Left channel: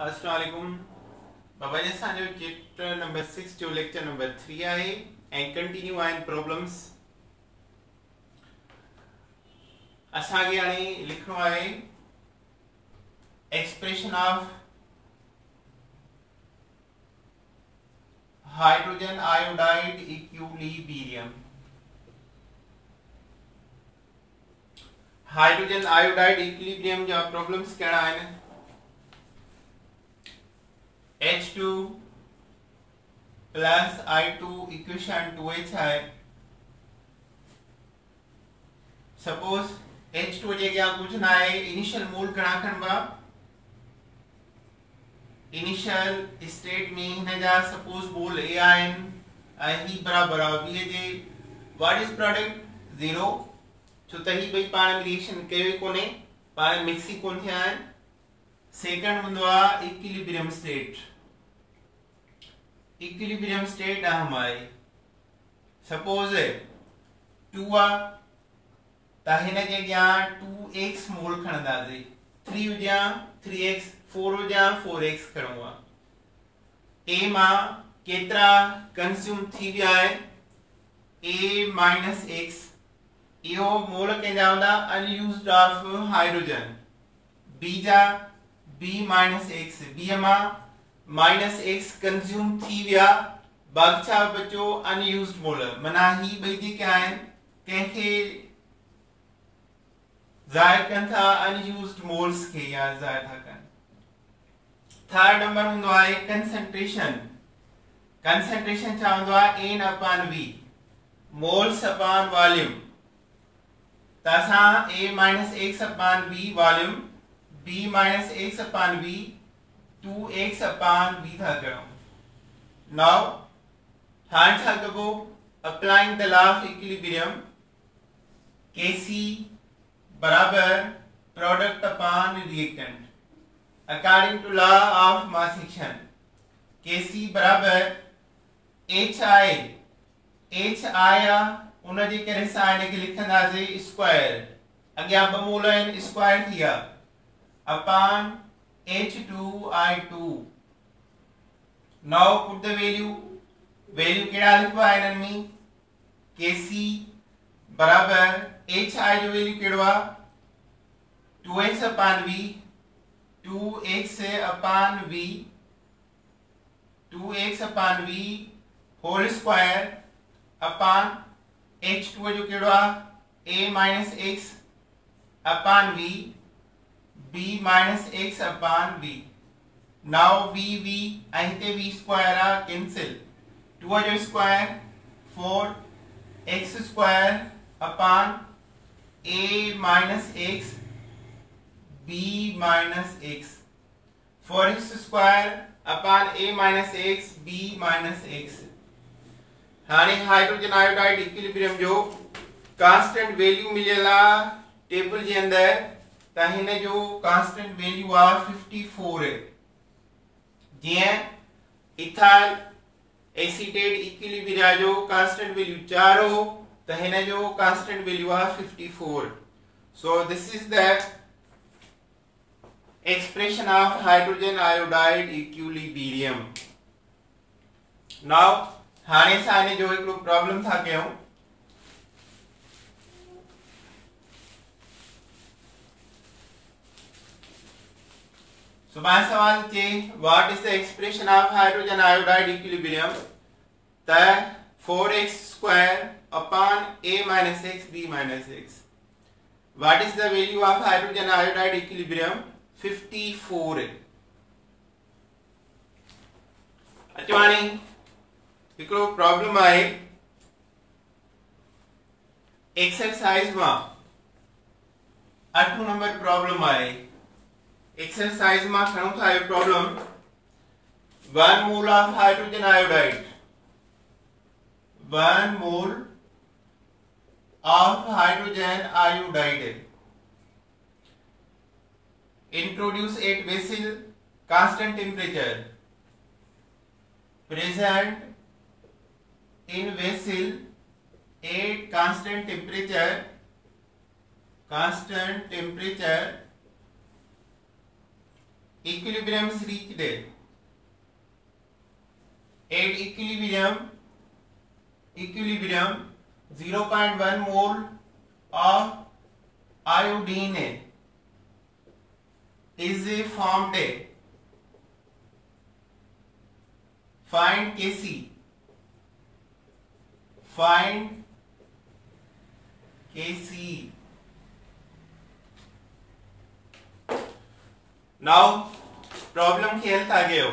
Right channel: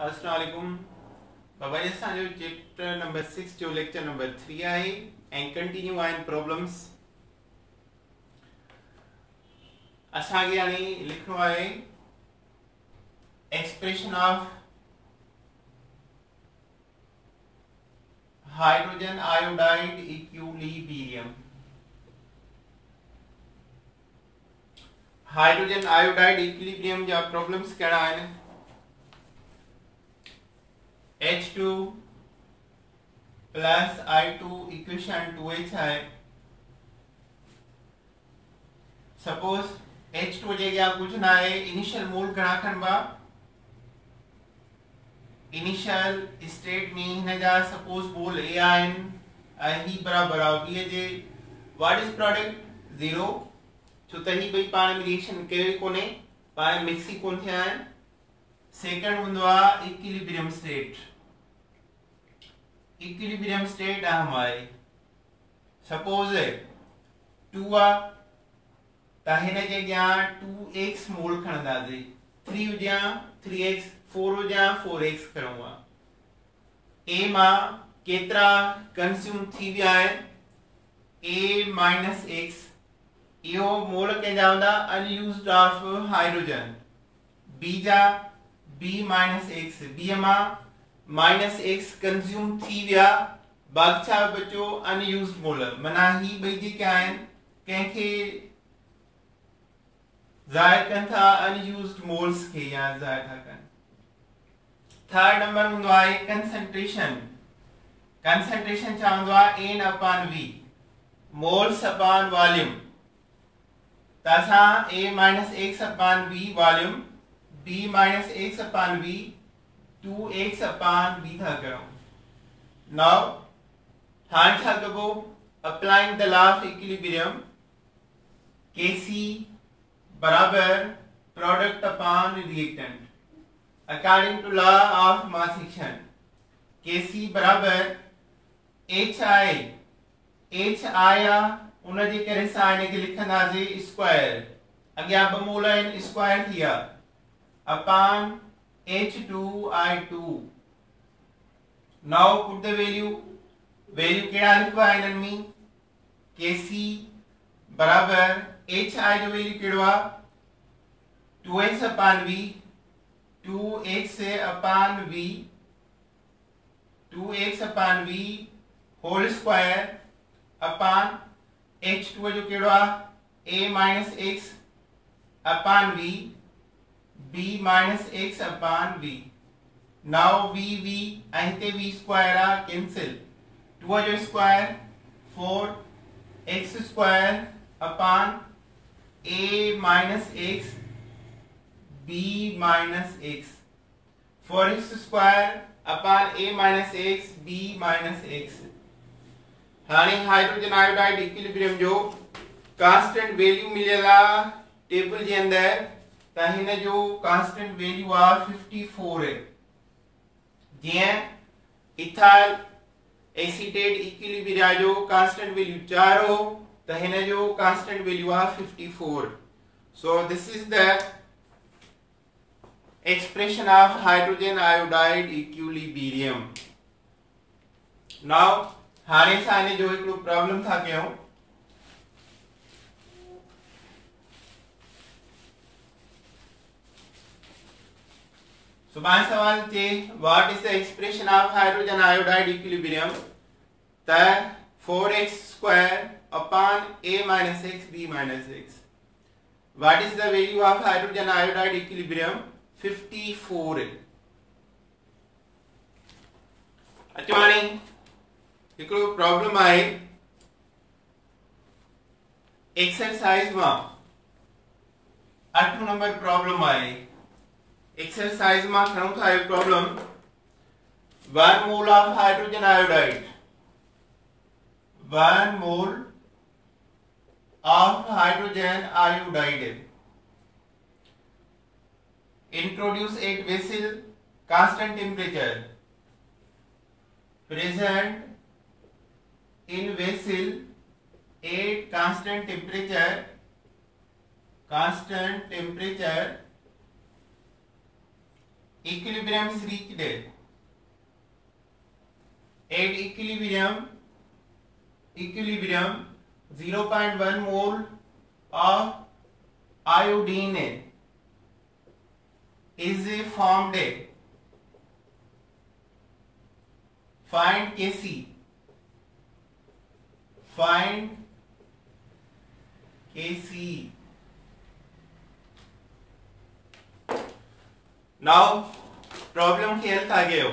अस्सलाम वालेकुम बाबा जी। असांजो चैप्टर नंबर 6 जो लेक्चर नंबर 3 आहे ऐं कंटिन्यू आहिनि प्रॉब्लम्स। असांखे हाणे लिखणो आहे expression of hydrogen iodide equilibrium. Hydrogen iodide equilibrium जा प्रॉब्लम्स कहिड़ा आहिनि? H2 plus I2 equation 2H है। सपोज H2 जे अॻियां कुछ ना है, इनिशियल मोल घणा खणबा? इनिशियल स्टेट में हिन जा सपोज मोल A आहिनि ऐं ही बराबर आहे B J. What is product? 0, छो त ही ॿई पाण में रिएक्शन कयो कोने, पाण मिक्स ही कोन थिया आहिनि। सेकंड हूंदो आहे इक्विलिब्रियम स्टेट। इक्विलिब्रियम स्टेट अहम आहे। सपोज 2 आ त हिन जे अॻियां 2x mole खणंदासीं, 3 हुजां 3x, 4 हुजां 4x खणूं uh. A मां केतिरा कंज्यूम थी विया आहिनि? A माइनस x, इहो मोल कंहिंजा हूंदा? Unused of hydrogen. B जा B माइनस x, B मां माइनस x कंज्यूम थी विया, बाकी छा बचो? अनयूज्ड मोल। माना ही ॿई जेके आहिनि कंहिंखे ज़ाहिर कनि था, अनयूज्ड मोल्स खे या ज़ाहिर था कनि। थर्ड नंबर हूंदो आहे कंसंट्रेशन। कंसंट्रेशन छा हूंदो आहे? N upon V, moles upon volume. त असां A minus x upon V volume, B minus x upon V 2x upon B था करूं। नाउ हाणे छा कबो? Applying the law of equilibrium, Kc बराबर product upon reactant according to law of mass action. Kc बराबर HI, HI उन जे करे असां हिन खे लिखंदासीं स्क्वायर, अॻियां ॿ मोल आहिनि स्क्वायर थी विया, upon H2I2। Now put the value कहिड़ा लिखबा हिननि में? Kc बराबर HI जो वैल्यू कहिड़ो आहे? 2x upon V, 2x upon V, 2x upon V whole square upon H2 जो कहिड़ो आहे? A minus x upon V, B minus x upon V। Now V ऐं हिते V स्क्वायर आहे, कैंसिल। 2 जो square 4x square upon A minus x, B minus x, 4x square upon A minus x, B minus x। हाणे hydrogen iodide equilibrium जो constant value मिलियल आहे table जे अंदर, त हिन जो कांस्टेंट वैल्यू आहे 54 है। जीअं इथाइल एसीटेट इक्विलिब्रिया जो कांस्टेंट वैल्यू 4 हो, त हिन जो कांस्टेंट वैल्यू आहे 54। So this is the expression of hydrogen iodide equilibrium. Now हाणे असां हिन जो हिकिड़ो प्रॉब्लम था कयूं। सुभाणे सवाल चे what is the expression of hydrogen iodide equilibrium, त 4x square upon A minus x, B minus x। What is the value of hydrogen iodide equilibrium? 54 है। अचो हाणे हिकिड़ो प्रॉब्लम आहे एक्सरसाइज मां 8 नंबर प्रॉब्लम आहे। एक्सरसाइज में खणो था ये problem. 1 mole of hydrogen iodide, 1 mole of hydrogen iodide introduce at vessel, constant temperature, present in vessel at constant temperature equilibrium is reached. At equilibrium 0.1 mole of iodine is formed. Find Kc. Find Kc. Now problem की health आ गए हो.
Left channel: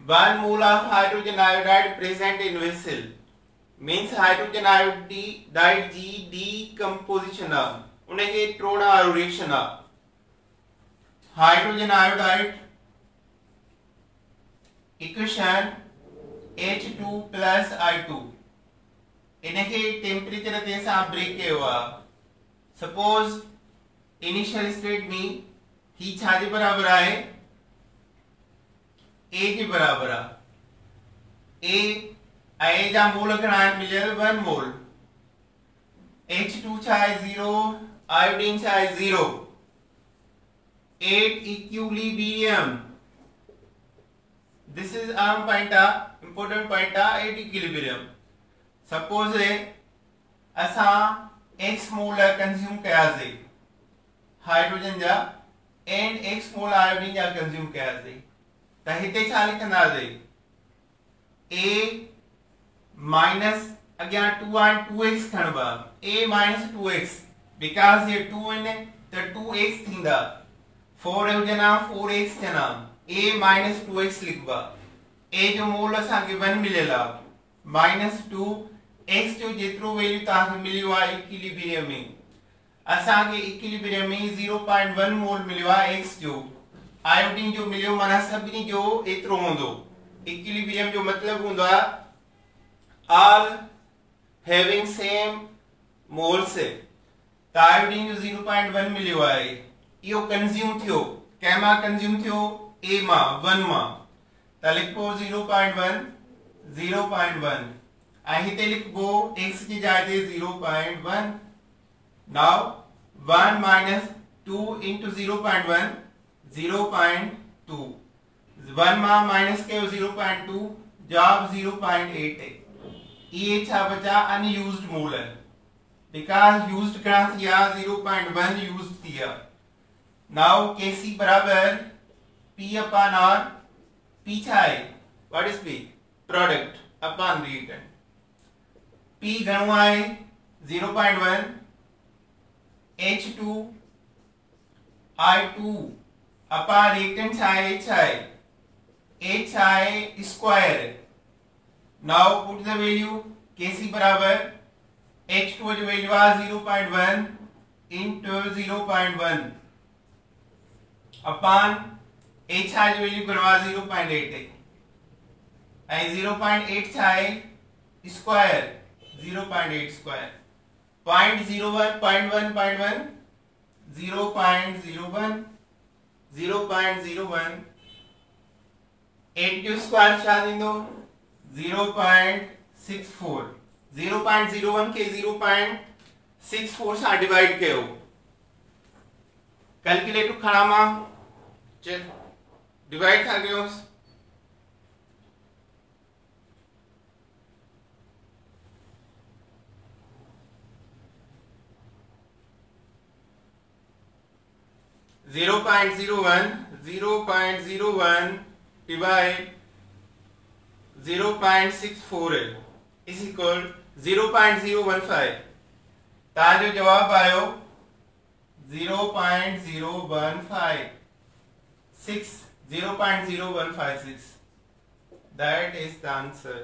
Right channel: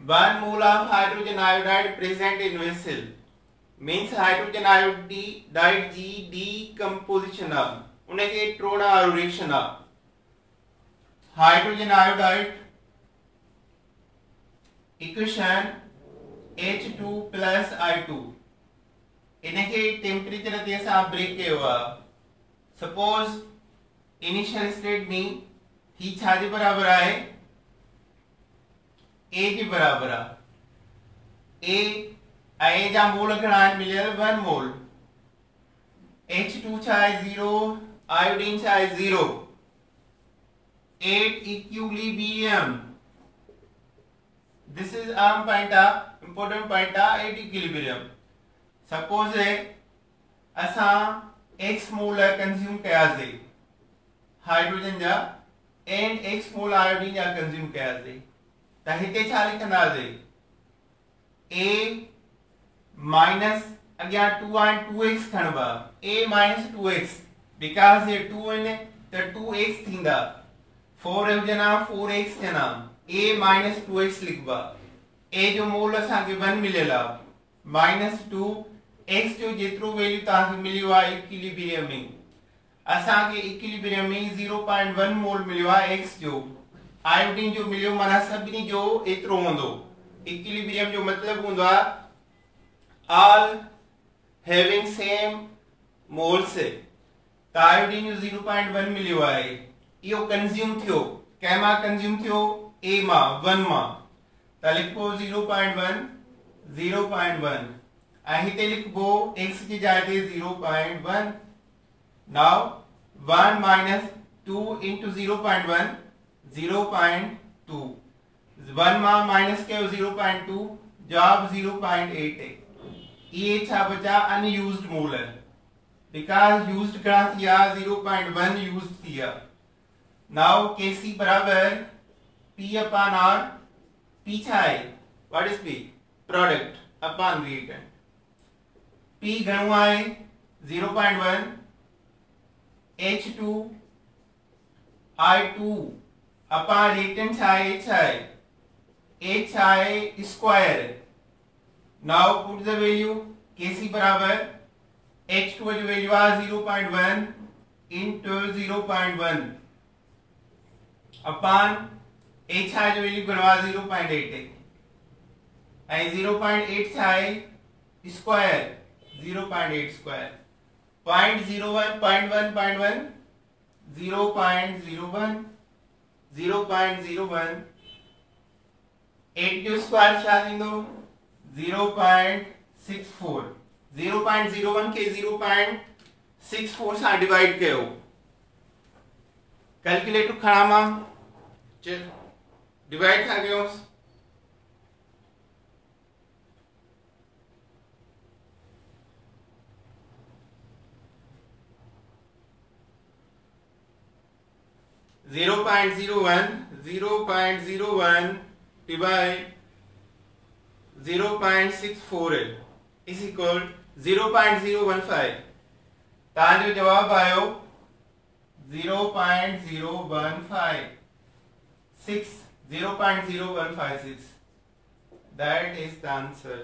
1 mole of hydrogen iodide present in vessel means hydrogen iodide G decomposition उन्हें के trona reaction hydrogen iodide equation H2 plus I2 इन्हें के temperature जैसा break के हुआ. सपोज इनिशियल स्टेट में ही छाजे बराबर आए ए के बराबर ए आए जा मोल घड़ान मिले 1 मोल. H2 चाहे 0 आयोडीन चाहे 0 8 equilibrium. This is important point 8 equilibrium. Suppose असा x मोल कंज्यूम कया से हाइड्रोजन जा एंड x मोल आयोडीन जा कंज्यूम कया से त हिते छा लिखंदा से a माइनस अग्या 2 and 2x खणबा a minus 2x because ये 2 ने त 2x थींदा 4 जना 4x जना a minus 2x लिखबा a जो मोल असा के 1 मिलेला minus 2 x जो जेतिरो वैल्यू ता के मिलियो आ इक्विलिब्रियम में असा के इक्विलिब्रियम में 0.1 मोल मिलियो आ x जो आयोडीन जो मिलियो माना सभी जो एतिरो होंदो. इक्विलिब्रियम जो मतलब होंदो ऑल हैविंग सेम मोल्स. त आयोडीन जो 0.1 मिलियो आहे यो कंज्यूम थियो केमा कंज्यूम थियो a मा 1 मा त लिखो 0.1 आई हिते लिखबो x की जागे 0.1. नाउ 1 minus 2 into 0.1 0.2 1 मा माइनस के 0.2 जवाब 0.8 है. ये छा बचा अनयूज्ड मोल है बिकॉज़ यूज्ड करा थिया 0.1 यूज्ड थिया. नाउ Kc बराबर P upon R. P छा है what is P product upon reactant. P घणो आहे 0.1 H2 I2 अपॉन रिएक्टेंट छा है H है square. Now put the value Kc बराबर H2 जो वैल्यू आ 0.1 into 0.1 अपॉन H जो वैल्यू गणवा 0.8 है आई 0.8 छा है स्क्वायर 0.8 स्क्वायर 0.01 0.01 0.01 8 जो स्क्वायर छा दींदो 0.64 0.01 के 0.64 सां डिवाइड कयो. कैलकुलेटर खणा मां चल डिवाइड था कयो 0.01 divide 0.64 is equal 0.015. ताजो जवाब आयो 0.0156. That is the answer.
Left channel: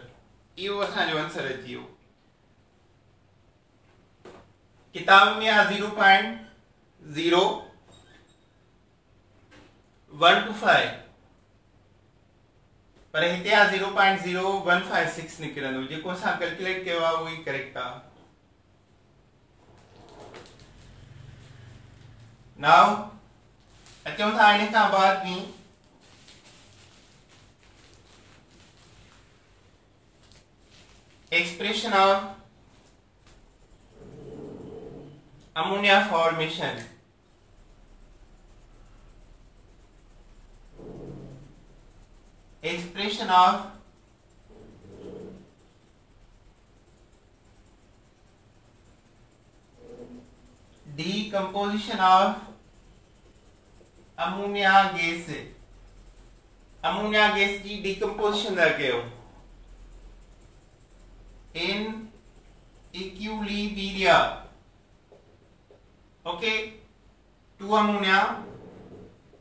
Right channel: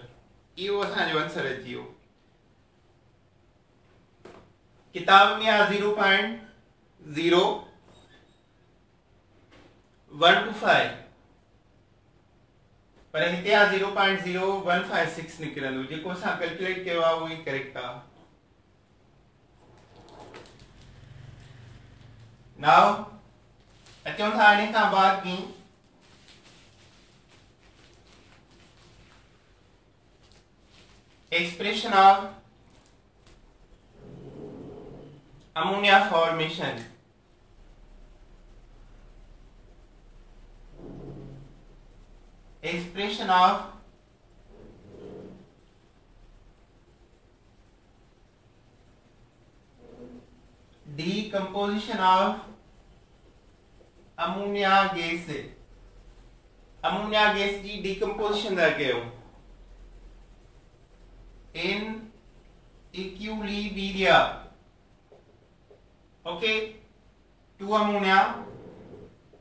यो असांजो आंसर अची वियो. किताब में आ 0.0125 पर हिते आ 0.0156 निकरंदो जेको असां कैलकुलेट कयो आ वो ही करेक्ट आ. नाउ अचूं था इन खां बाद में expression of ammonia formation. expression of decomposition of ammonia gas से ammonia gas की decomposition दा कयो in equilibria. Okay, 2 ammonia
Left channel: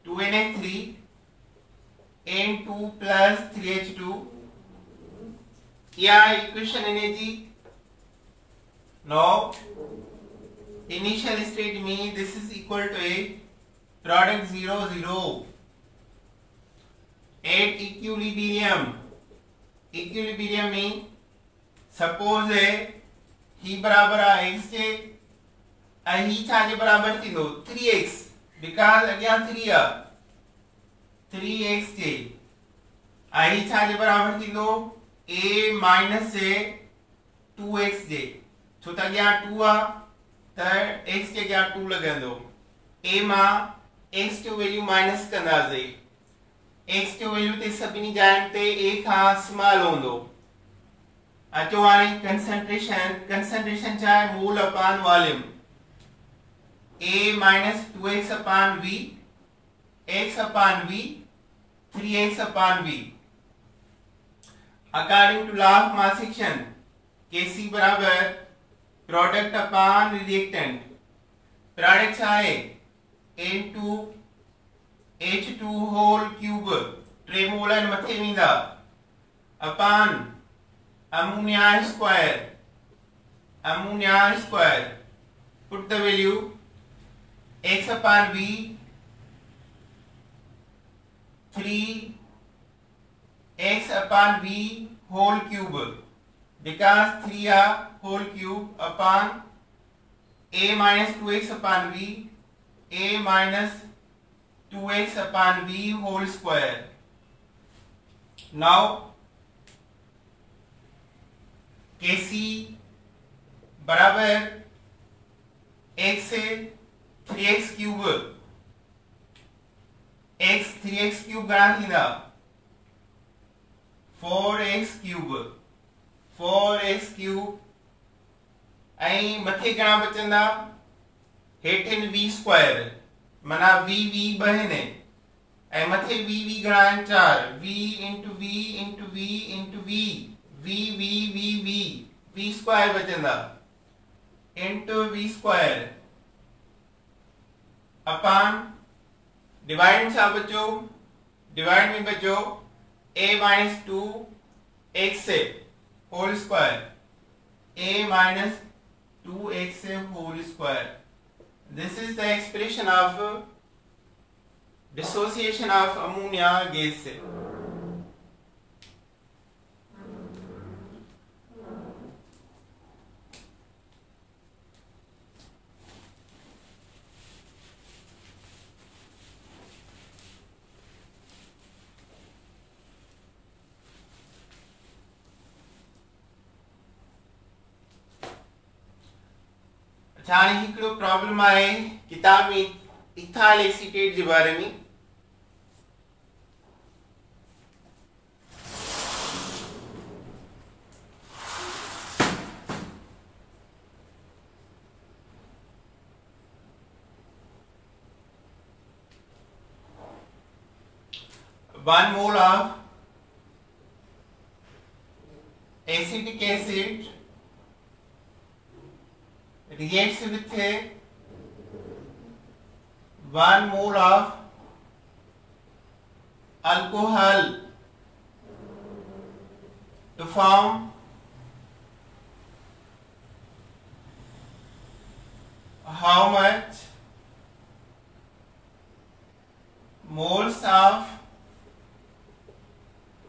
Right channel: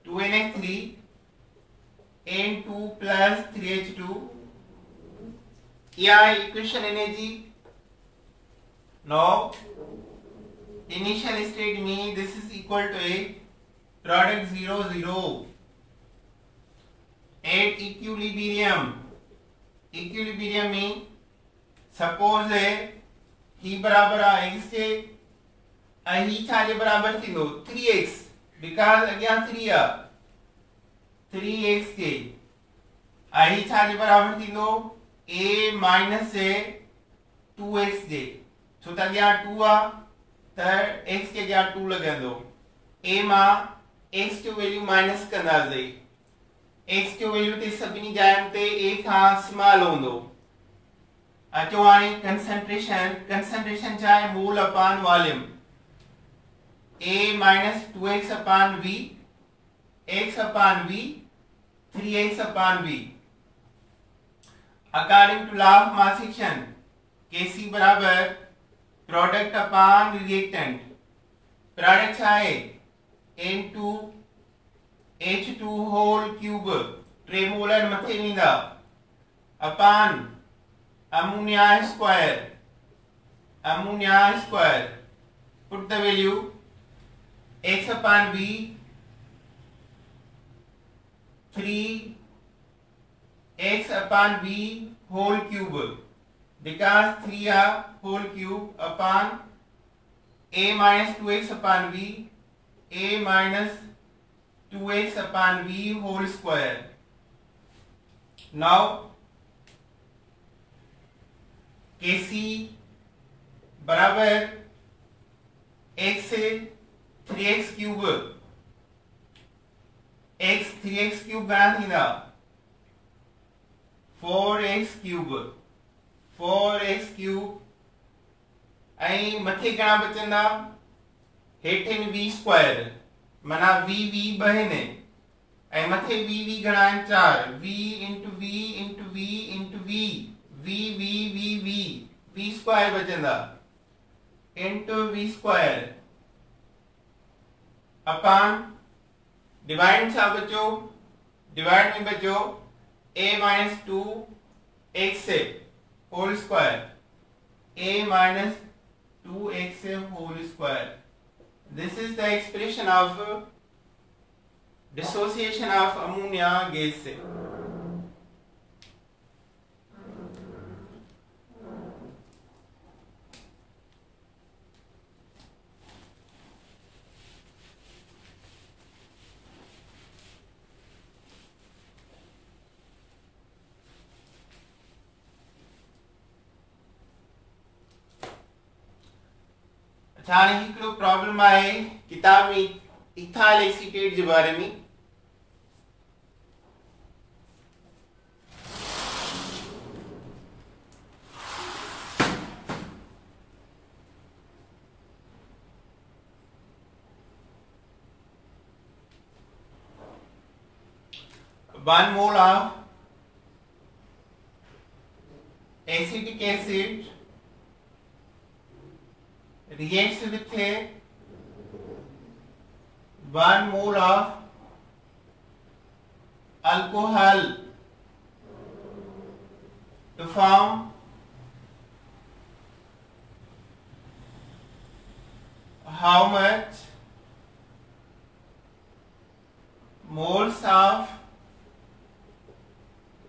2 NH3 N2 plus 3H2. क्या equation energy? Now initial state में this is equal to a product 0 0 at equilibrium में suppose है ही बराबर आहे x के ही छाजे बराबर थींदो 3x बिकॉज़ अॻियां 3 आ 3x के ही छाजे बराबर थींदो a माइनस से 2x जे छो त अॻियां 2 आ त x के अॻियां 2 लॻंदो a मां x जो वैल्यू माइनस कंदासीं x जो वैल्यू ते सभिनी जायुनि ते a खां स्मॉल हूंदो अचो हाणे कंसंट्रेशन छा आहे mole upon volume a minus 2x upon v x upon v 3x upon v according to law of mass action kc बराबर प्रोडक्ट अपॉन रिएक्टेंट प्रोडक्ट छा आहे n2 h2 होल क्यूब टे molar मथे वेंदा upon ammonia square put the value x upon v 3x upon v whole cube because 3 are whole cube upon a minus 2x upon v a minus 2x upon v whole square. Now Kc बराबर x से 3x cube x 3x cube घणा थींदा 4x cube ऐं मथे घणा बचंदा हेठिन v square माना v ॿ आहिनि ऐं मथे v घणा आहिनि 4 v into v into v into v v square बचंदा into v square upon divide छा बचो डिवाइड में बचो a minus 2x से whole square a minus 2x से whole square. This is the expression of dissociation of ammonia gas से. हाणे हिकिड़ो प्रॉब्लम आहे किताब में इथाइल एसीटेट जे बारे में one mole of acetic acid reacts with a 1 mole of alcohol to form how much moles of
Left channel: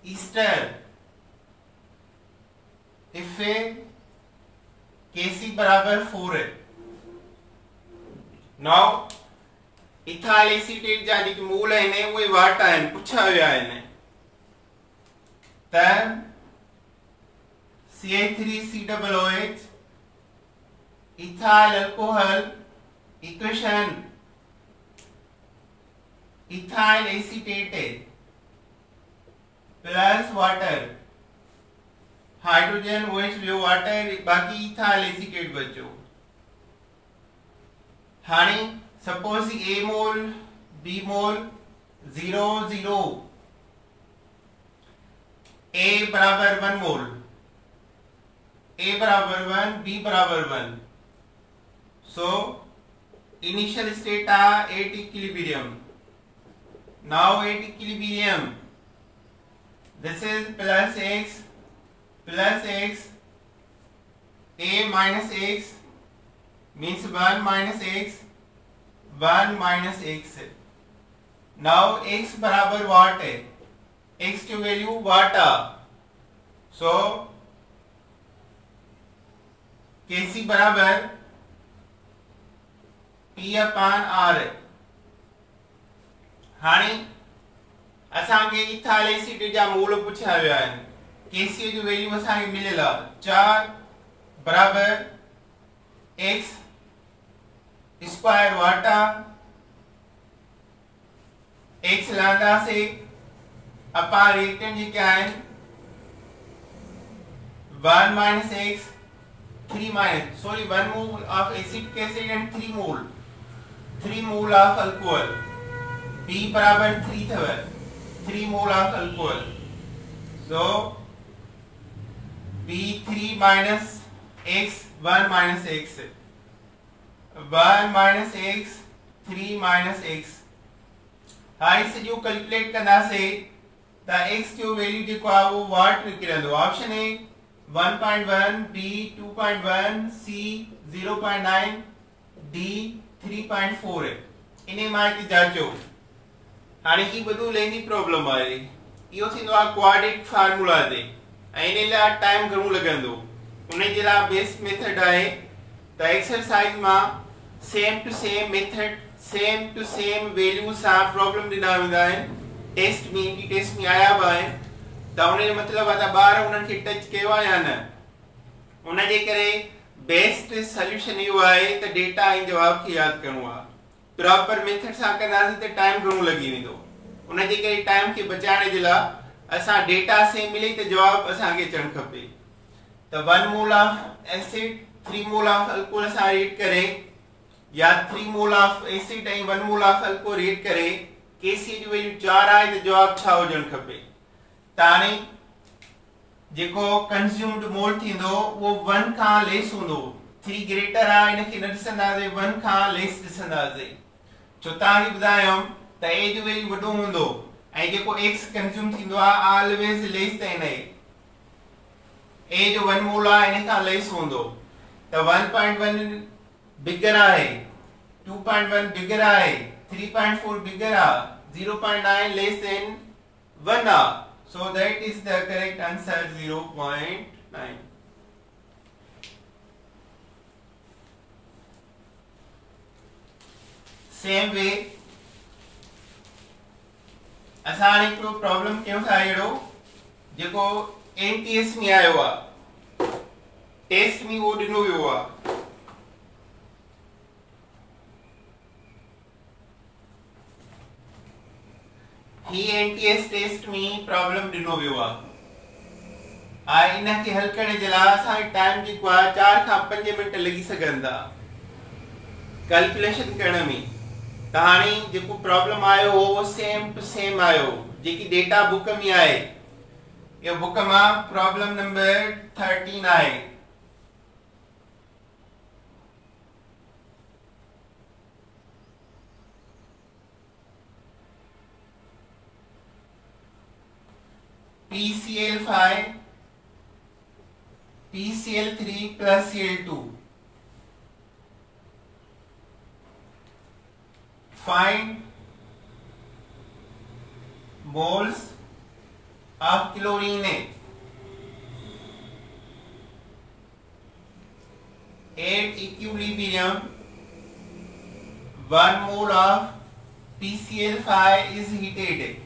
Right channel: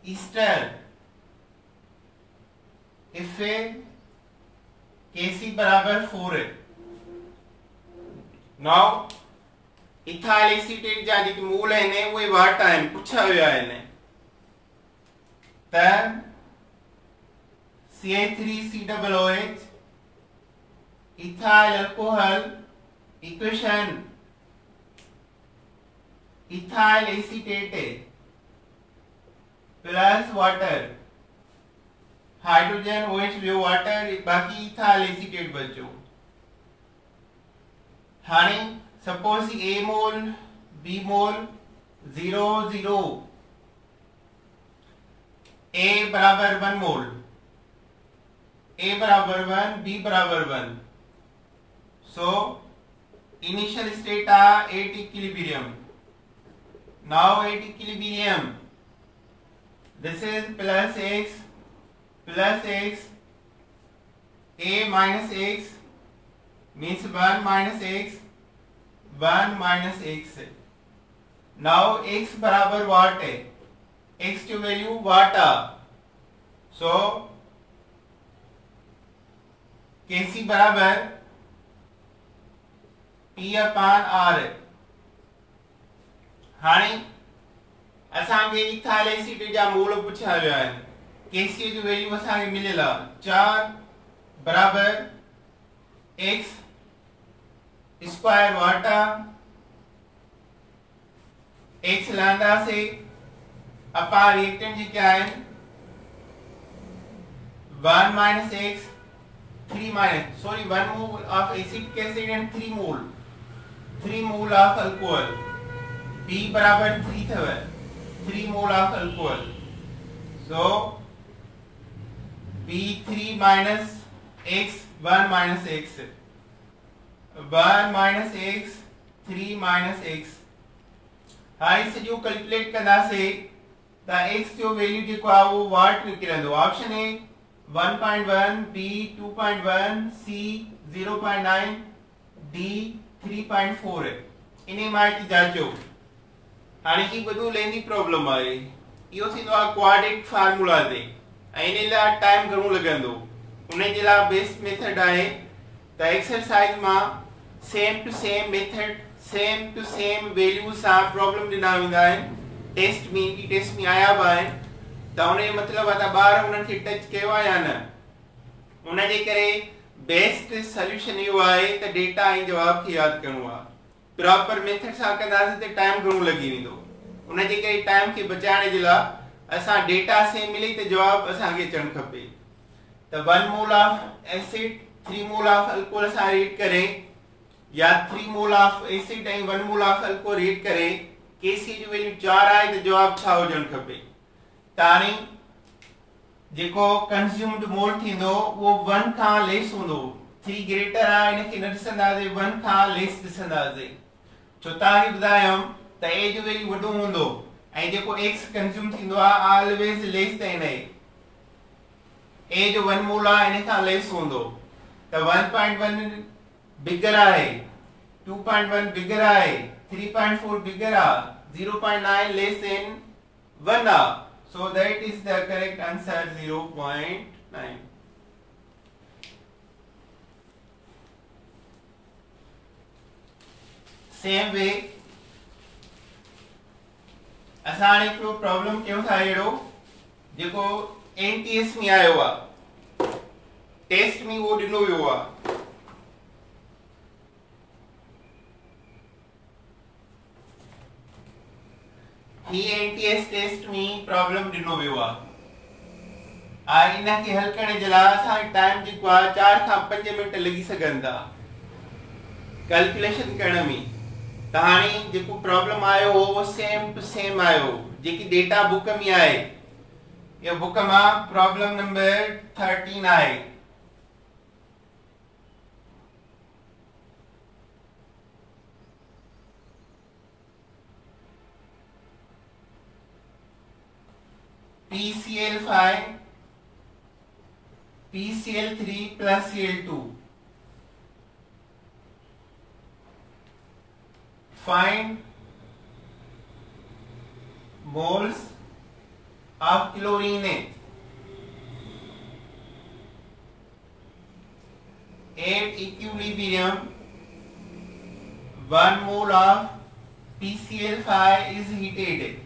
ester if a Kc बराबर 4 है. Now इथाइल एसीटेट जा जेके मोल आहिनि उहे वाट आहिनि पुछा विया आहिनि त CH3COOH ethyl alcohol equation ethyl acetate है प्लस वाटर, हाइड्रोजन OH वियो वाटर, बाकी इथाइल एसीटेट बचो। हाणे suppose A mole B mole 0 0, A बराबर 1 मोल, A बराबर 1, B बराबर 1। So initial state at equilibrium. Now at equilibrium, this is plus x, A minus x means 1 minus x, 1 minus x है। Now x बराबर वाट है, x की value वाट आ, so Kc बराबर P upon R है। हाणे असांखे इथाइल एसीटेट जा मोल पुछिया विया आहिनि। Kc जो वैल्यू असांखे मिलियल आहे 4 बराबर x स्क्वायर वाटा, x लहंदासीं अपॉन रिएक्टेंट जी क्या है 1 minus x 3 minus, sorry, 1 mole of acetic acid and 3 mole of alcohol, B बराबर 3 थव, 3 mole of alcohol, so B 3 minus x 1 minus x, 1 minus x 3 minus x। हाणे सॼो calculate कंदासीं त x जो value जेको आहे उहो वाट में किरंदो। Option A 1.1, B 2.1, C 0.9, D 3.4 है। इन्हें माहिती जाचो। हाणे ही वधू लेंदी प्रॉब्लम आहे। इहो थींदो आहे क्वाड्रेटिक फार्मूला ते ऐं इन लाइ टाइम घणो लॻंदो। उन जे लाइ बेस्ट मेथड आहे त एक्सरसाइज मां same to same method, same to same value सां प्रॉब्लम ॾिना वेंदा आहिनि। टेस्ट में आया बि आहिनि त उन जो मतिलबु आहे त ॿार उन्हनि खे टच कयो आहे या न। उन जे करे बेस्ट सोल्यूशन इहो आहे त डेटा ऐं जवाब खे यादि करणो आहे। प्रॉपर मेथड सां कंदासीं त टाइम घणो लॻी वेंदो। उन जे करे टाइम खे बचाइण जे लाइ असां डेटा सेम मिले त जवाब असांखे अचणु खपे। त 1 mole of acid 3 mole of alcohol सां रेट करे या 3 मोल ऑफ एसिड ऐं 1 मोल ऑफ अल्कोहल रेट करे Kc जी वैल्यू 4 आहे त जवाब छा हुजणु खपे। त हाणे जेको कंज्यूम्ड मोल थींदो उहो 1 खां लेस हूंदो। 3 ग्रेटर आहे इनखे न ॾिसंदासीं, 1 खां लेस ॾिसंदासीं। छो तव्हांखे ॿुधायमि त A जो वैल्यू वॾो हूंदो ऐं जेको x कंज्यूम थींदो आहे always less than A। A जो 1 मोल आहे इन खां लेस हूंदो त 1.1 बिगर आहे, 2.1 बिगर आहे, 3.4 बिगर आहे, 0.9 लेस देन 1 आहे। So that is the correct answer, 0.9. Same way असां हिकिड़ो प्रॉब्लम कयूं था अहिड़ो जेको NTS में आयो आहे, टेस्ट में उहो ॾिनो वियो आहे। ही NTS टेस्ट में प्रॉब्लम ॾिनो वियो आहे। इनखे हल करण जे लाइ असांखे टाइम जेको आहे 4 खां 5 मिनट लॻी सघनि था कैलकुलेशन करण में। त हाणे जेको प्रॉब्लम आयो हो वो सेम टू सेम आयो जेकी डेटा बुक में आहे। ये बुक मां प्रॉब्लम नंबर 13 आहे। PCl5 PCl3 plus Cl2, find moles of chlorine at equilibrium. 1 mole of PCl5 is heated at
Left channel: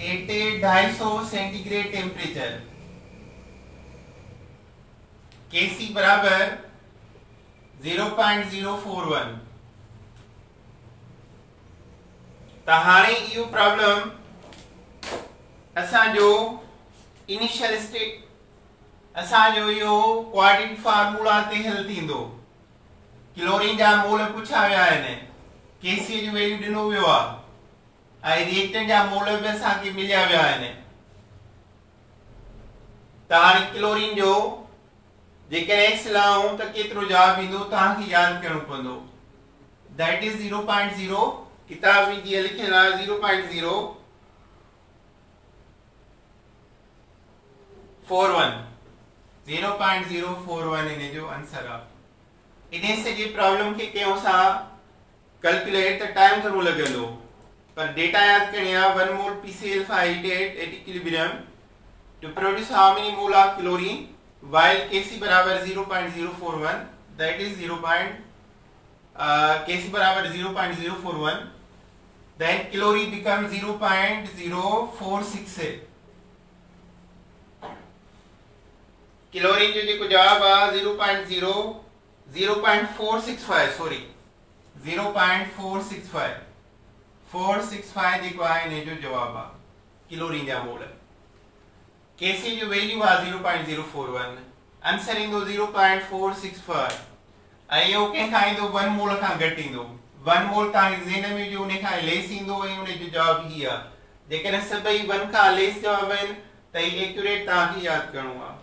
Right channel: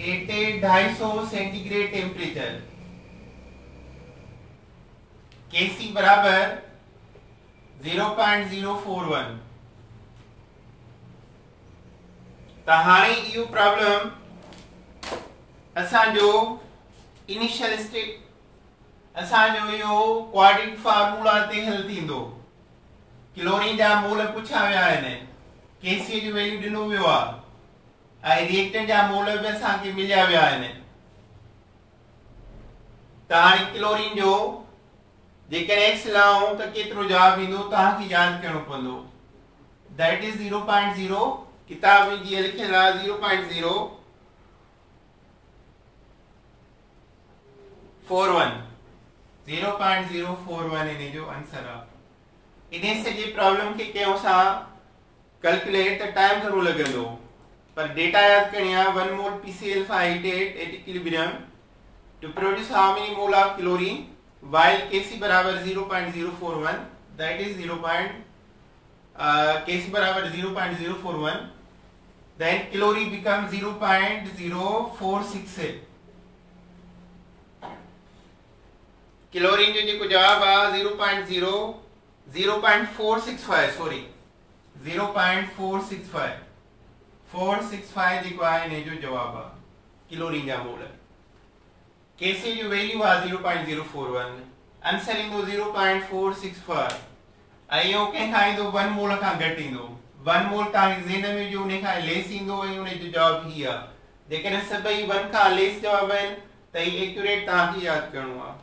250 centigrade temperature. Kc बराबर 0.041। त हाणे इहो प्रॉब्लम असांजो इनिशियल स्टेट असांजो यो क्वाड्रेटिक फार्मूला ते हल थींदो। क्लोरीन जा मोल पुछा विया आहिनि, केसी जो वैल्यू ॾिनो वियो आहे ऐं रिएक्टेंट जा मोल बि असांखे मिलिया विया आहिनि। त हाणे क्लोरीन जो जेकॾहिं एक्स लाऊं त केतिरो जवाब ईंदो तव्हांखे यादि करणो पवंदो। दैट इज 0.0, किताब में जीअं लिखियल आहे 0.041 0.041 इन जो आंसर आहे। इन सॼी प्रॉब्लम खे कयूं सां कैलकुलेट त टाइम घणो लॻंदो, पर डेटा यादि करणी आहे। 1 मोल PCl588 at equilibrium to produce how many mole of chlorine while Kc बराबर 0.041, that is Kc बराबर 0.041, then chlorine becomes 0.0468। क्लोरीन जो जेको जवाब आहे 0.465 सॉरी 0.465 465 जेको आहे इन जो जवाब आहे क्लोरीन जा मोल। केसी जो वैल्यू आहे 0.041, आंसर ईंदो 0.465 ऐं इहो कंहिंखां ईंदो 1 मोल खां घटि ईंदो। 1 मोल तव्हांखे ज़हन में जो उन खां लेस ईंदो ऐं उन जो जवाब ही आहे। जेकॾहिं सभई 1 खां लेस जवाब आहिनि त ही एक्यूरेट तव्हांखे यादि करणो आहे।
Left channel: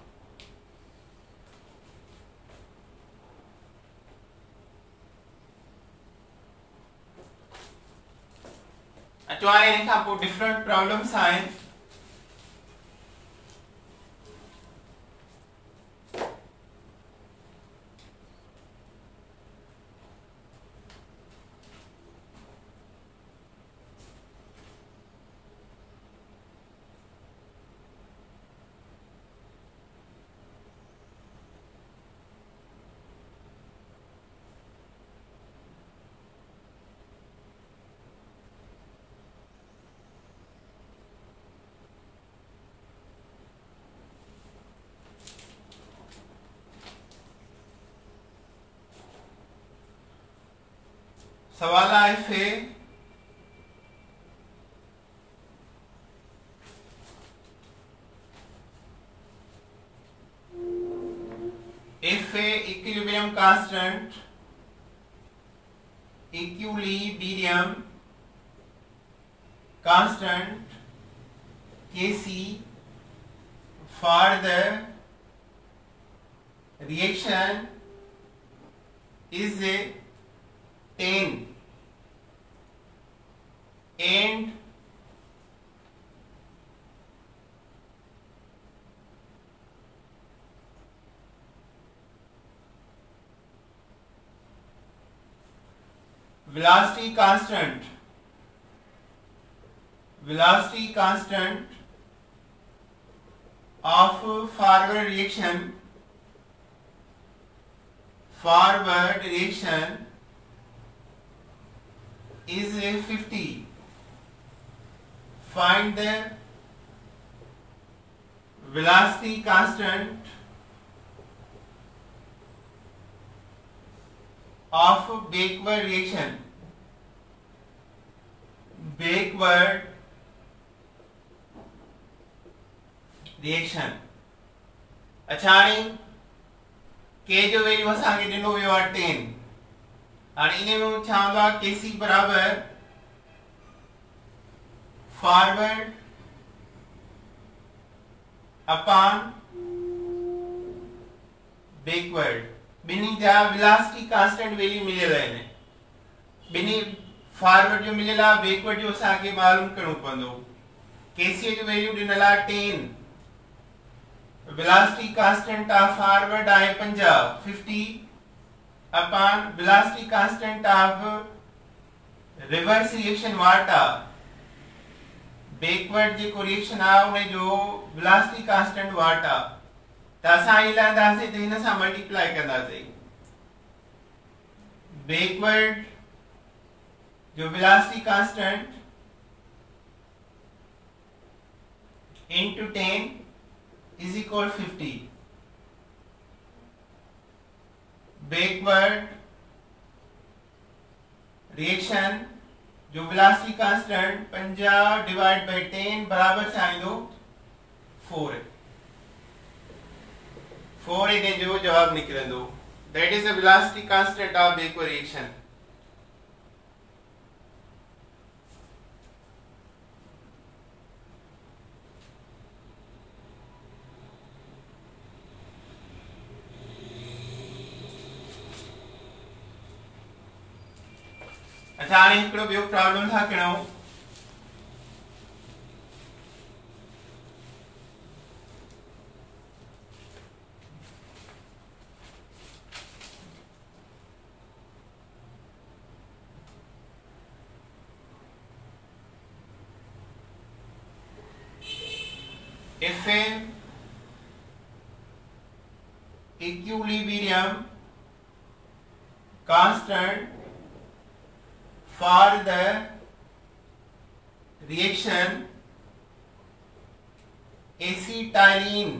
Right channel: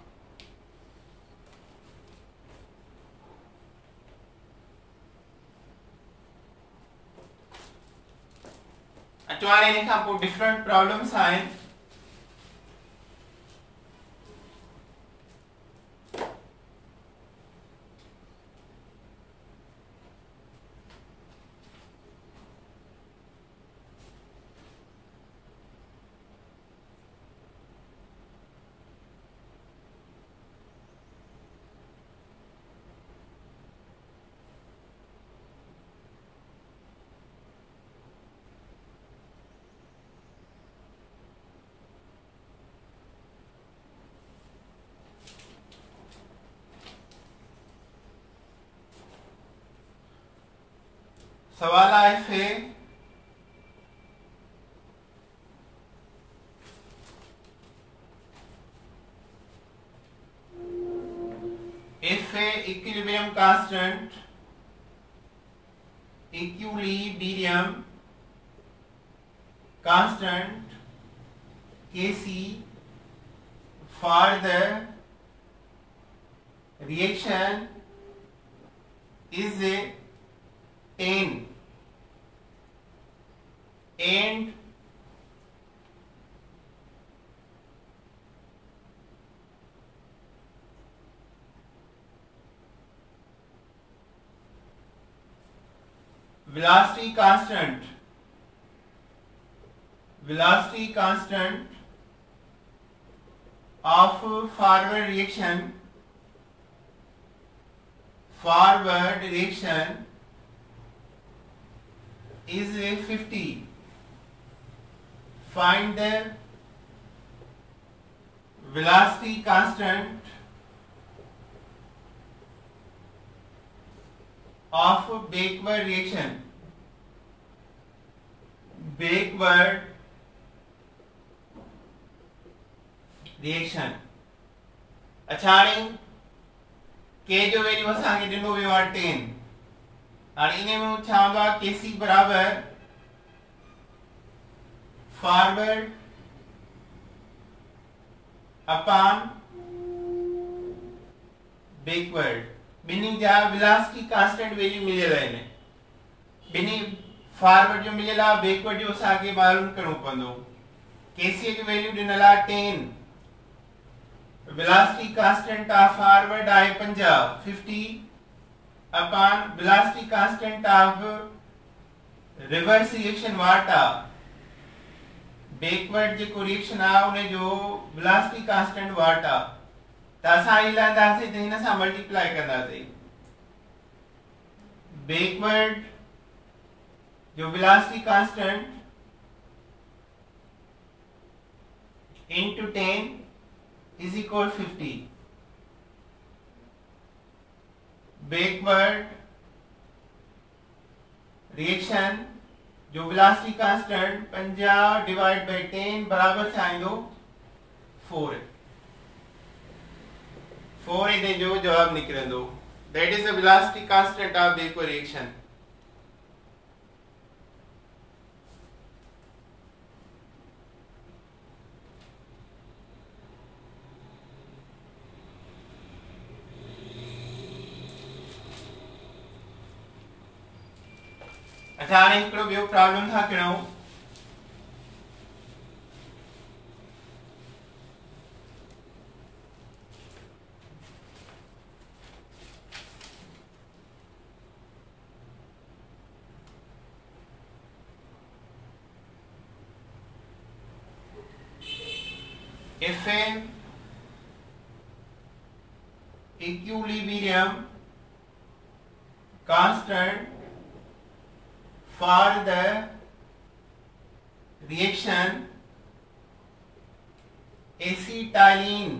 अचो हाणे इन खां पोइ डिफरेंट प्रॉब्लम्स आहिनि। सवाल है if a equilibrium constant Kc for the reaction is 10 and velocity constant of forward reaction is 50. Find the velocity constant of backward reaction. अच्छा हाणे के जो वैल्यू असांखे ॾिनो वियो आहे 10। हाणे इन में छा हूंदो आहे Kc बराबर फॉरवर्ड अपॉन बैकवर्ड। बिनी जा वेलोसिटी कांस्टेंट वैल्यू मिलियल आहिनि। बिनी फॉरवर्ड जो मिलियल आहे, बैकवर्ड जो असांखे मालूम करणो पवंदो। Kc जो वैल्यू ॾिनल आहे 10, वेलोसिटी कांस्टेंट ऑफ फॉरवर्ड आहे 50 upon velocity constant of reverse reaction वाट आहे। बैकवर्ड जेको रिएक्शन आहे उन जो वेलोसिटी कांस्टेंट वाट आहे। त असां ही लहंदासीं त हिन सां मल्टीप्लाई कंदासीं। बैकवर्ड जो velocity constant into 10 is equal 50. Backward reaction जो वेलोसिटी कांस्टेंट 50 डिवाइड बाय 10 बराबर चाहींदो 4 है। 4 इने जो जवाब निकरंदो। That is the velocity constant of the equation. अच्छा हाणे हिकिड़ो ॿियो प्रॉब्लम था कयूं। If an equilibrium constant for the reaction acetylene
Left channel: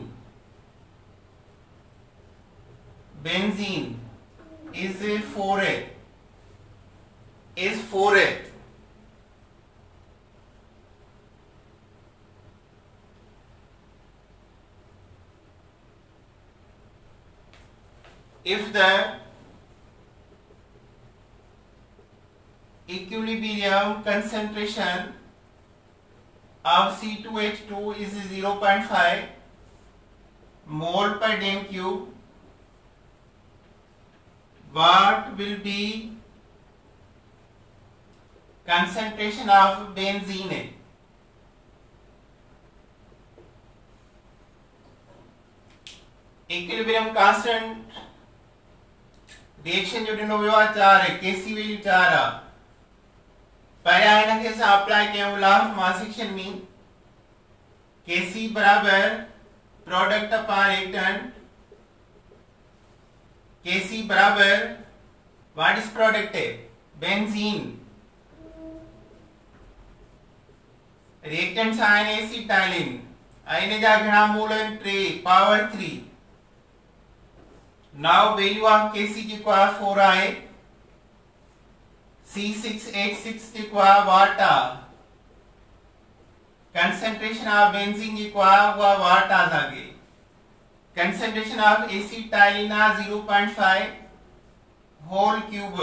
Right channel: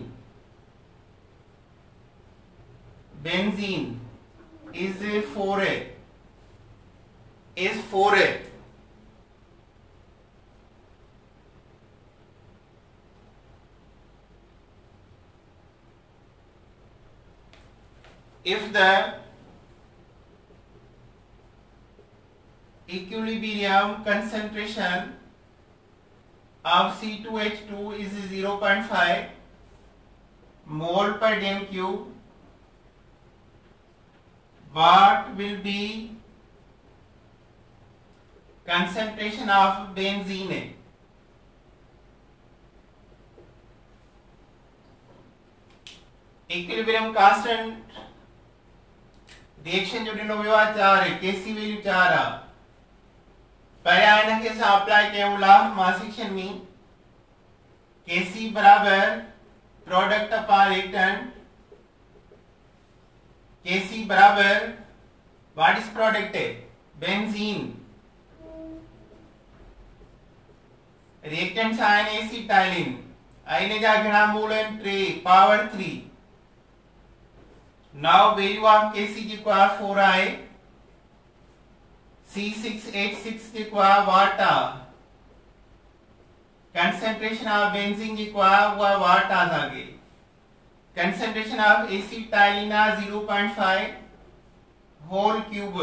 benzene is 4A if the equilibrium concentration of C2H2 is 0.5 mole per dm cube, what will be concentration of benzene? Equilibrium constant reaction जो ॾिनो वियो आहे 4 है, केसी value 4 आहे। पहिरियां हिनखे असां apply कयूं लॉ ऑफ मास एक्शन में। केसी बराबर प्रोडक्ट अपॉन रिएक्टेंट। केसी बराबर व्हाट इज प्रोडक्ट है बेंजीन, रिएक्टेंट्स आहिनि एसिटाइलिन। हिन जा घणा मोल आहिनि 3 power 3। Now value of Kc जेको आहे 4 आहे। C6H6 जेको आहे वाट आहे। कंसंट्रेशन ऑफ बेंजीन जेको आहे उहा वाट आहे असांखे। कंसंट्रेशन ऑफ एसिटाइलिन आहे 0.5 होल क्यूब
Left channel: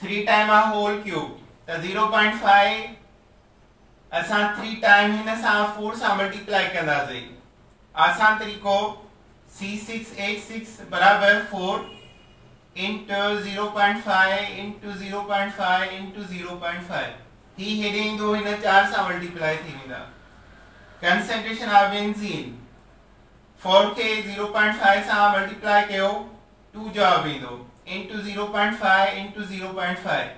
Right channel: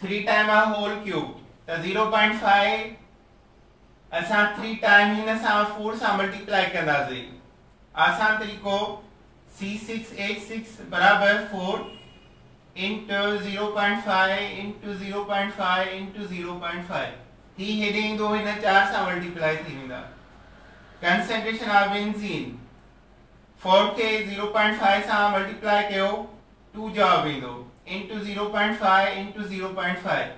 3 टाइम आहे होल क्यूब त 0.5 असां 3 टाइम हिन सां 4 सां मल्टीप्लाई कंदासीं। आसान तरीक़ो C6H6 बराबर 4 into 0.5 into 0.5 into 0.5 ही हेॾे ईंदो हिन 4 सां मल्टीप्लाई थी वेंदा। कंसंट्रेशन ऑफ बेंजीन 4 खे 0.5 सां मल्टीप्लाई कयो 2 जवाब ईंदो into 0.5 into 0.5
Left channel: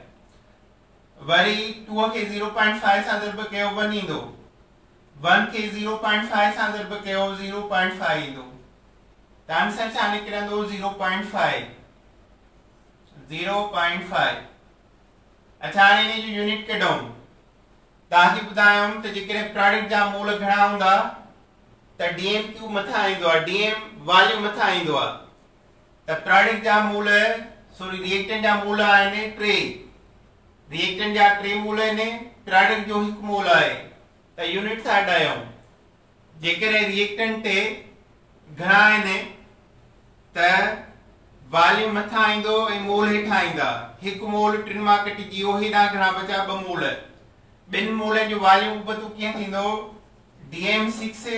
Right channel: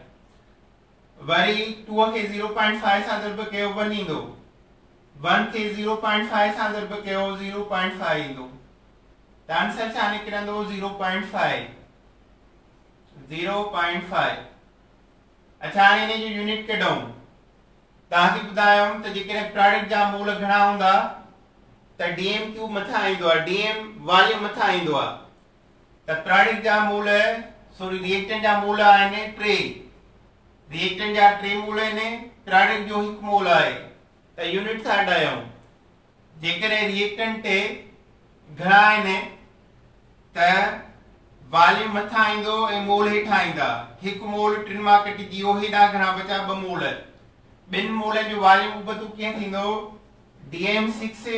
वरी 2 खे 0.5 सां ज़रब कयो 1 ईंदो। 1 खे 0.5 सां ज़रब कयो 0.5 ईंदो। The answer छा निकिरंदो 0.5। अच्छा हाणे हिन जो यूनिट कढूं। तव्हांखे ॿुधायुमि त जेकॾहिं प्रोडक्ट जा मोल घणा हूंदा त डीएम क्यूब मथां ईंदो आहे, डीएम वॉल्यूम मथां ईंदो आहे। त प्रोडक्ट जा मोल रिएक्टेंट जा मोल आहिनि 3। रिएक्टेंट जा 3 मोल आहिनि, प्रोडक्ट जो 1 मोल आहे। त यूनिट सां हटायूं। जेकॾहिं रिएक्टेंट ते घणा आहिनि त वॉल्यूम मथां ईंदो ऐं मोल हेठां ईंदा। 1 मोल 3 मां कटिजी वियो, हेॾां घणा बचा 2 मोल। 2 मोल जो वॉल्यूम उबतो कीअं थींदो dm6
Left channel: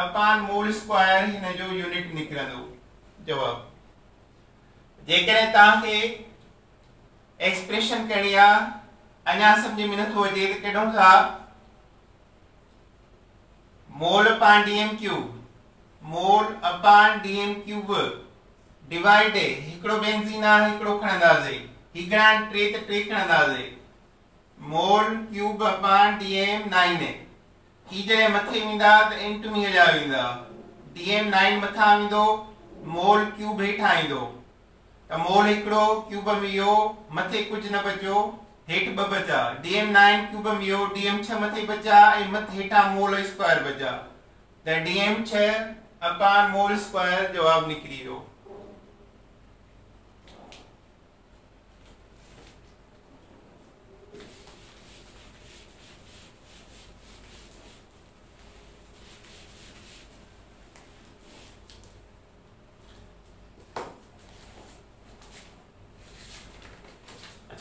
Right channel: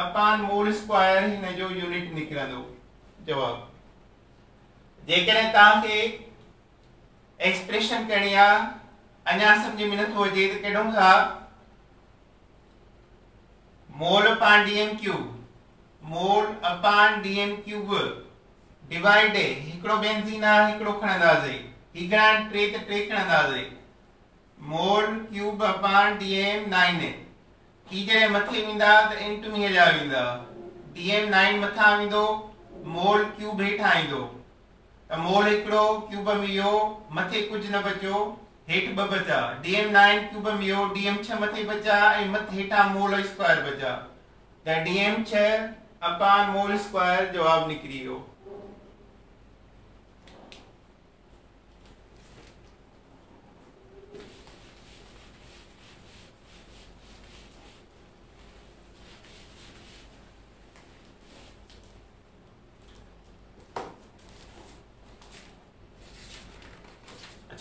अपॉन मोल स्क्वायर हिन जो यूनिट निकिरंदो जवाब। जेकॾहिं तव्हांखे एक्सप्रेशन कहिड़ी आहे अञा सम्झ में नथो अचे त कढूं था mole upon DM cube, mole upon DM cube divide हिकिड़ो बेंजीन आहे हिकिड़ो खणंदासीं, ही घणा 3 त 3 खणंदासीं। मोल क्यूब अपॉन डीएम 9 ही जॾहिं मथे ईंदा त इंट में हलिया वेंदा। डीएम 9 मथां ईंदो, मोल क्यूब हेठां ईंदो त मोल हिकिड़ो क्यूब में इहो मथे कुझु न बचो, हेठि 2 बचा। डीएम 9 क्यूब में इहो डीएम 6 मथे बचा ऐं मथे हेठां मोल स्क्वायर बचा त डीएम 6 अपॉन मोल स्क्वायर जवाब निकरी वियो।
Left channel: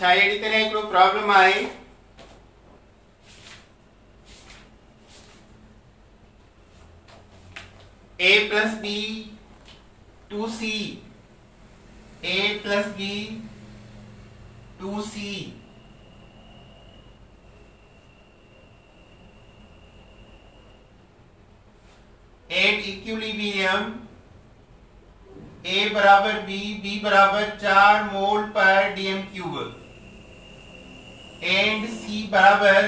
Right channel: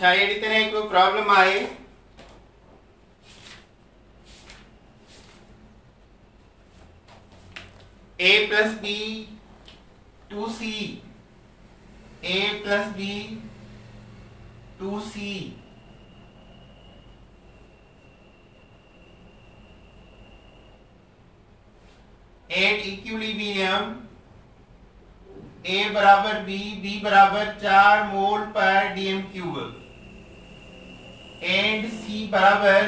अच्छा अहिड़ी तरह हिकिड़ो प्रॉब्लम आहे a plus b 2c a plus b 2c at equilibrium a बराबर b बराबर 4 मोल पर dm क्यूब एंड c बराबर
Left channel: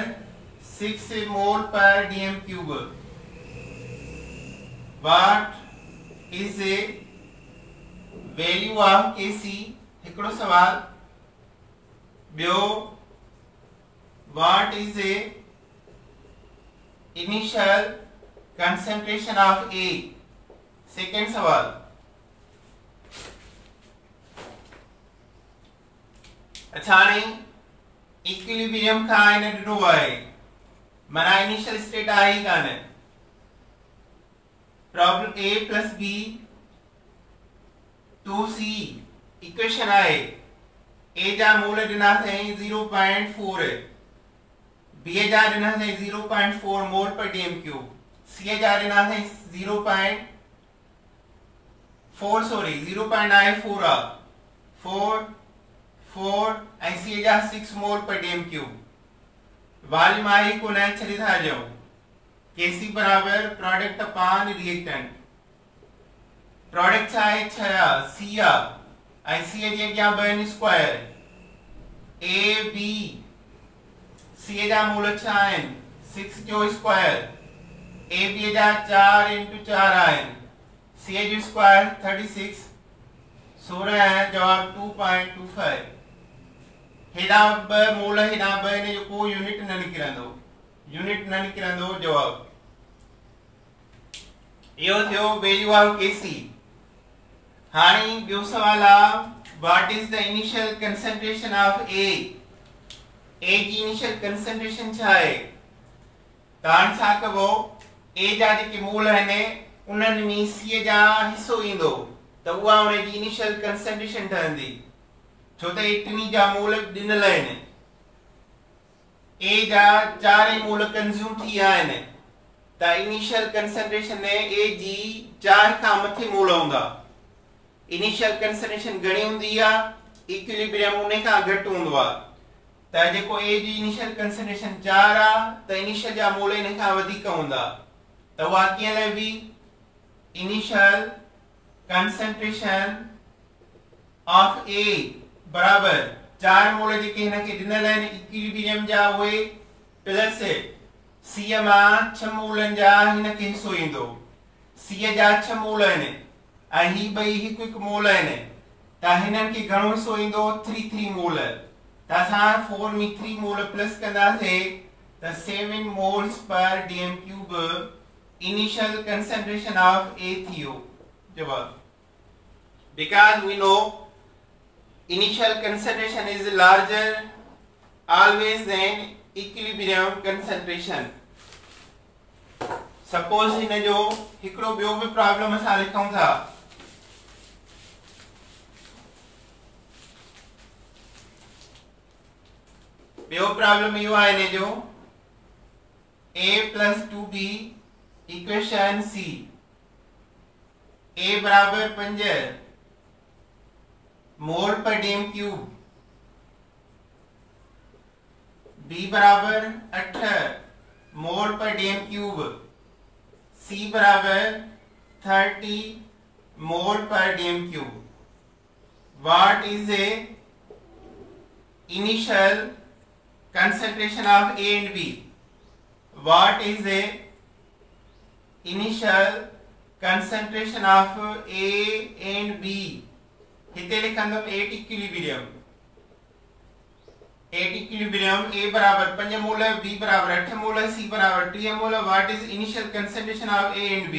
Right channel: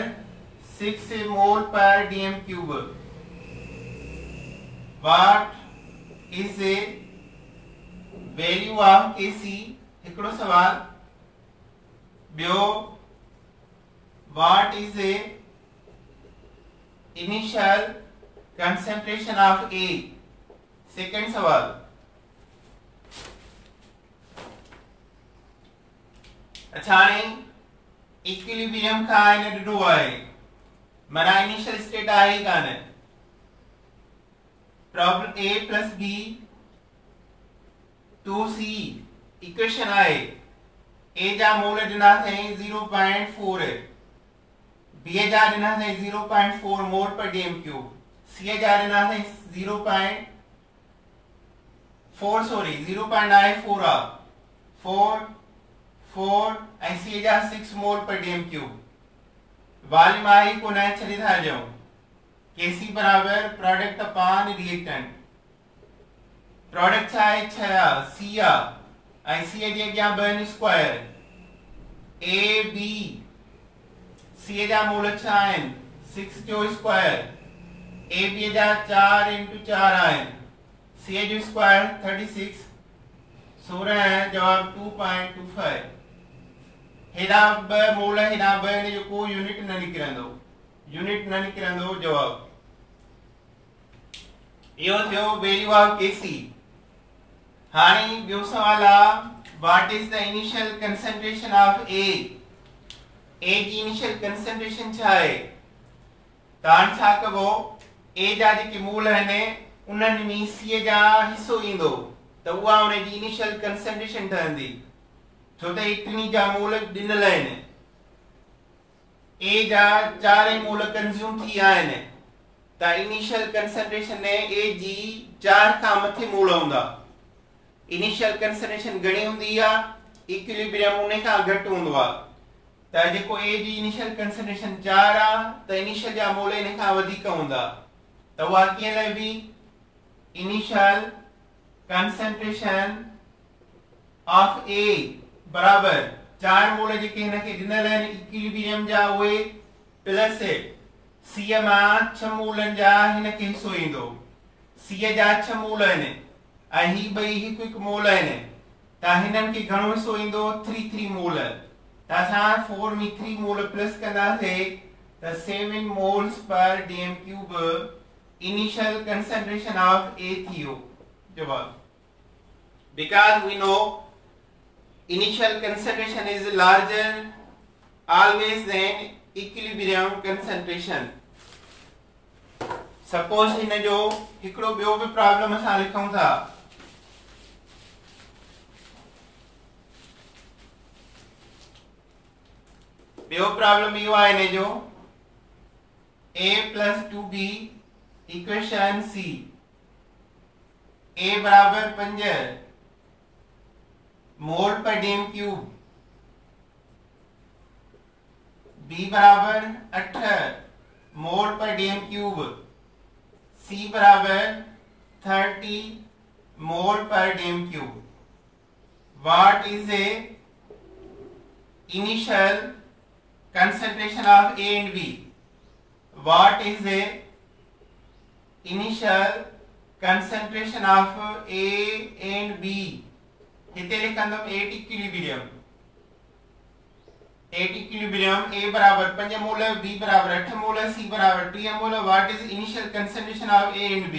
6 मोल पर dm cube. What is the value of Kc? हिकिड़ो सवाल ॿियो what is the initial concentration of A? Second सवाल अच्छा हाणे इक्विलिब्रियम खां हिन ॾिठो आहे माना इनिशियल स्टेट आहे ई कान problem a plus b 2c equation आहे a जा मोल ॾिना अथई 0.4 b जा ॾिना अथई 0.4 मोल पर dm क्यूब c जा ॾिना अथई 0.94 आ 4 ऐं c जा 6 मोल पर dm क्यूब वॉल्यूम आहे को न छॾे था ॾियूं Kc बराबर प्रोडक्ट अपॉन रिएक्टेंट प्रोडक्ट छा आहे 6 c ऐं c जे अॻियां ॿ स्क्वायर a b c जा मोल छा आहिनि 6 जो स्क्वायर a b जा 4 × 4 आहिनि c जो स्क्वायर 36 16 जवाब 2.25 हेॾा ॿ मोल हेॾा ॿ इन जो को यूनिट न निकिरंदो जवाब इहो थियो वैल्यू ऑफ Kc। हाणे ॿियो सवाल आहे what is the initial concentration of A जी इनिशियल कंसंट्रेशन छा आहे तव्हां छा कबो A जा जेके मोल आहिनि उन्हनि में C जा हिसो ईंदो त उहा उन जी इनिशियल कंसंट्रेशन ठहंदी छो त टिनी जा मोल ॾिनल आहिनि A जा 4 मोल कंज्यूम थी विया आहिनि त इनिशियल कंसंट्रेशन में A जी 4 खां मथे मोल हूंदा इनिशियल कंसंट्रेशन घणी हूंदी आहे इक्विलिब्रियम उन खां घटि हूंदो आहे त जेको A जी इनिशियल कंसंट्रेशन 4 आहे त इनिशियल जा मोल इन खां वधीक हूंदा त उहा कीअं लहबी इनिशियल कंसंट्रेशन ऑफ A बराबर 4 मोल जेके हिन खे ॾिनल आहिनि इक्विलिब्रियम जा उहे प्लस C मां 6 मोलनि जा हिन खे हिसो ईंदो C जा 6 मोल आहिनि ऐं ही ॿई हिकु हिकु मोल आहिनि त हिननि खे घणो हिसो ईंदो 3 मोल त असां 4 में 3 मोल प्लस कंदासीं त 7 moles per dm cube initial concentration of A थियो जवाब because we know initial concentration is larger always than equilibrium concentration suppose हिन जो हिकिड़ो ॿियो बि प्रॉब्लम असां लिखूं था ॿियो प्रॉब्लम इहो आहे हिन जो a plus 2b equation c a बराबर 5 मोल पर dm क्यूब b बराबर 8 मोल पर dm क्यूब c बराबर 30 मोल पर dm cube what is a initial concentration of A and B what is a initial concentration of A and B हिते लिखंदम at equilibrium A बराबर 5 मोल B बराबर 8 मोल C बराबर 3 mole what is initial concentration of A and B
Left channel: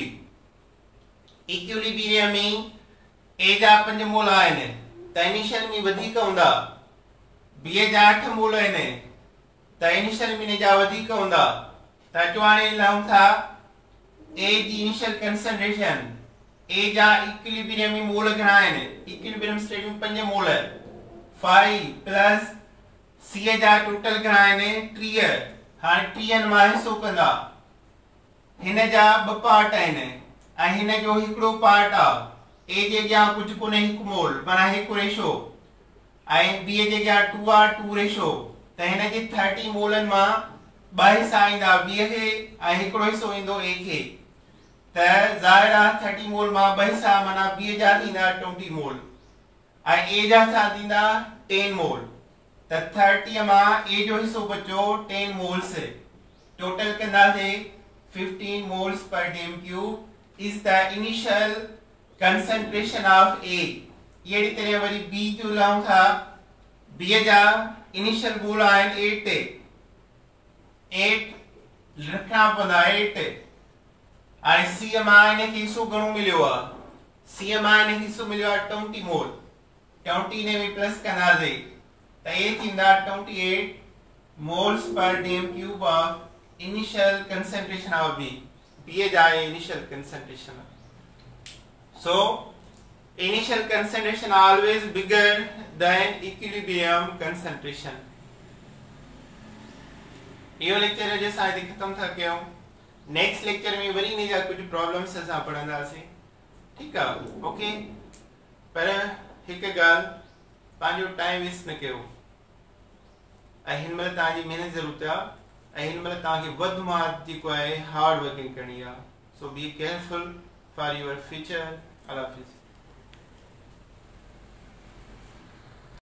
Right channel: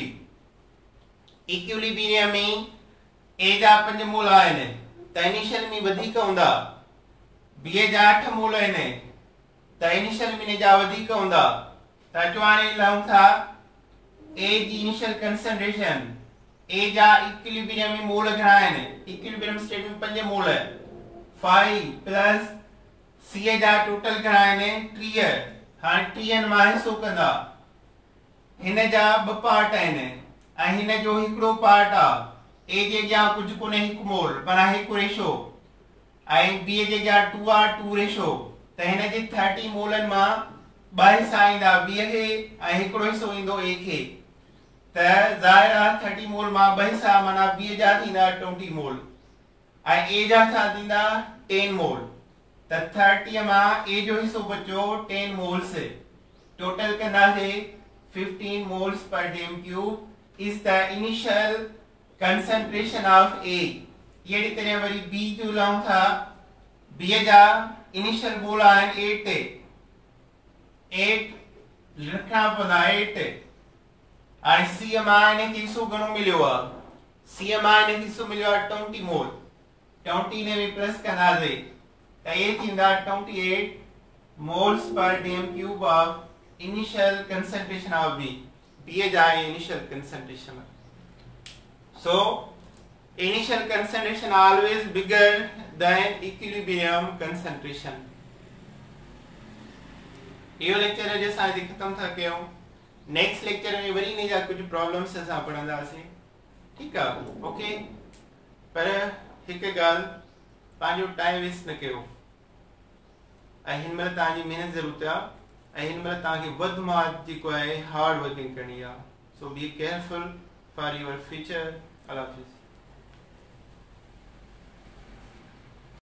equilibrium में A जा 5 मोल आहिनि त initial में वधीक हूंदा B जा 8 मोल आहिनि त इनिशियल में जा वधीक हूंदा त अचवाने लहूं था A जी इनिशियल कंसंट्रेशन A जा इक्विलिब्रियम में मोल घणा आहिनि इक्विलिब्रियम स्टेट में 5 मोल 5 प्लस C जा टोटल घणा आहिनि 30। हाणे 30 मां हिसो कंदा, हिन जा ॿ पार्ट आहिनि ऐं हिन जो हिकिड़ो पार्ट आहे। ए जे अॻियां कुझु कोन्हे, हिकु मोल पर हिकु रेशो, ऐं बी जे अॻियां 2 आहे 2 रेशो। त हिन जे 30 मोलनि मां 2 हिसा ईंदा बी खे ऐं हिकिड़ो हिसो ईंदो ए खे। त ज़ाहिर आहे 30 मोल मां 2 हिसा माना बी जा थींदा 20 मोल ऐं ए जा छा थींदा 10 मोल। त 30 मां ए जो हिसो बचो 10 मोल्स, टोटल कंदासीं 15 moles per dm cube is the initial concentration of A। ये तरह वरी B जो लाऊं था, B जा initial मोल आहिनि 8 रखना पवंदा 8 ऐं C मां हिनखे हिसो घणो मिलियो आहे, C मां हिनखे हिसो मिलियो आहे 20 मोल। 20 ने भी प्लस कंदासीं त ये थींदा 28 moles per dm cube of initial concentration of B। B जा initial concentration। So initial concentration always bigger than equilibrium concentration। यो लेक्चर अॼु असां हिते ख़तम था कयूं। नेक्स्ट लेक्चर में वरी इन जा कुछ प्रॉब्लम्स असां पढ़ंदासीं, ठीकु आहे? ओके, पर हिकु ॻाल्हि, पंहिंजो टाइम वेस्ट न कयो ऐं हिन महिल तव्हांजी महिनत ज़रूरत आहे ऐं हिन महिल तव्हांखे वधि मां जेको आहे हार्ड वर्किंग करणी आहे। So be careful for your future. Allah हाफ़िज़।